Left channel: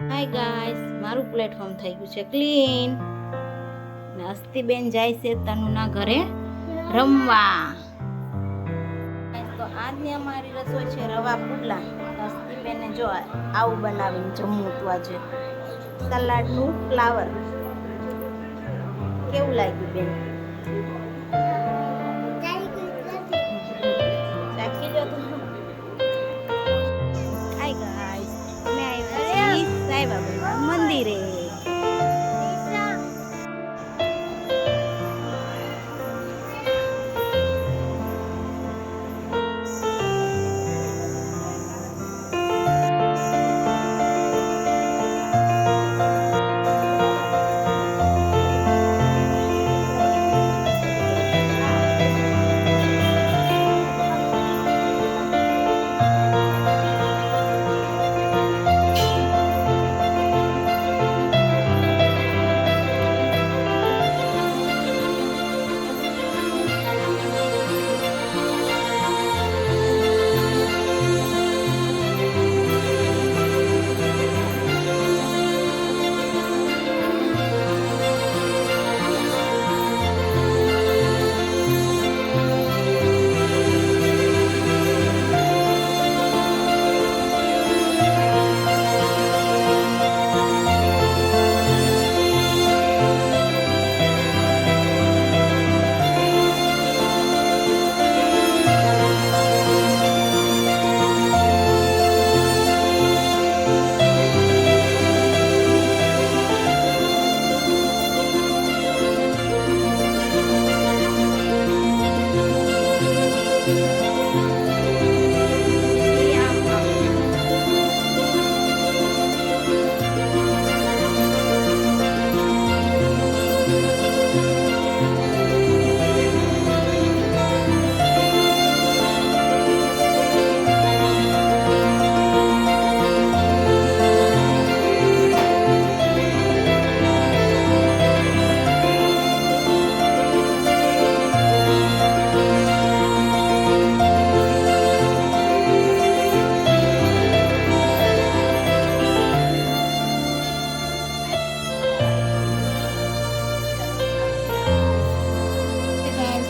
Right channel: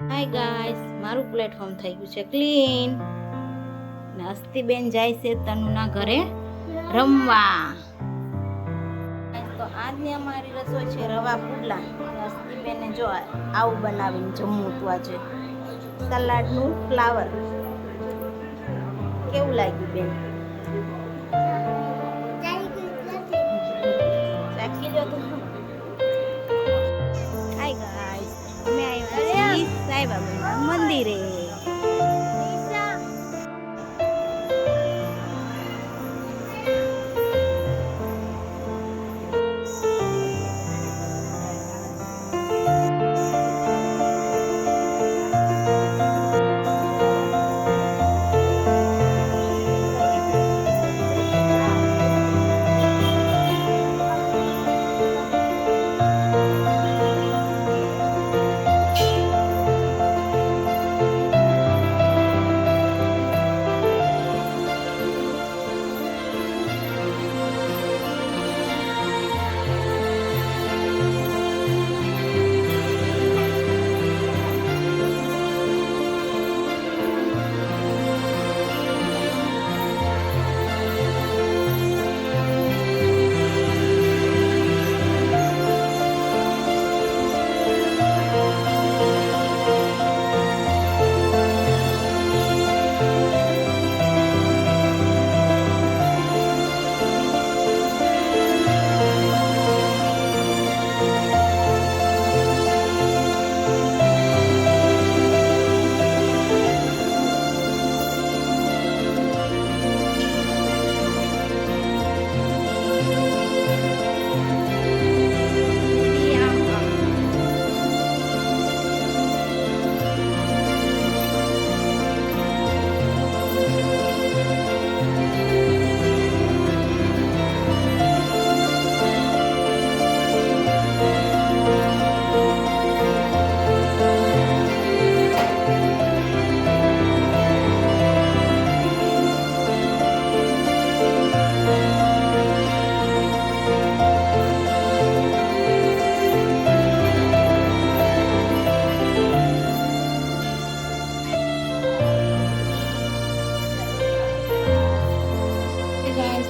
Hi guys, મારું platform થઈ ગયું છે ક્લીન ને અસ્તીબેન જાય છે તનુના ઘરે રમવા. તો આજની અમારી રસોઈ છે રવા પુડલા. અસ્તીબેને જો આવું બનાવીને જમવું તું આજે સલાડનું ફ્લાવર. કેવું લાગ્યું બેન? ચાખી લો તું. હાય ગાઈસ, અમે આવ્યા છીએ સાઈબાબાના મંદિરે.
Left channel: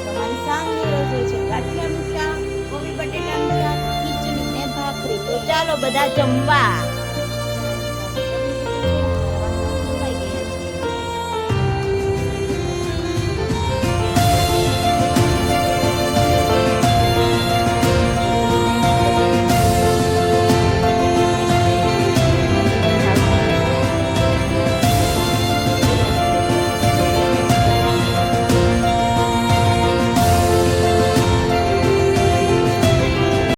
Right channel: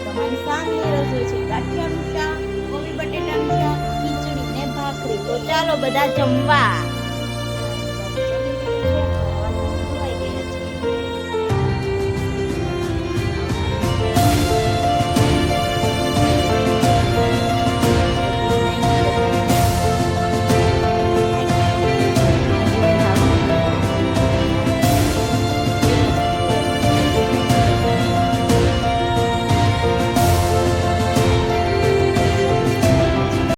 તમારી સામની રસોઈ છે ગાંઠિયાનું શાક, કોબી બટેટાનું શાક, ખીચડી ને ભાખરી. તો ચાલો બધા જમવા.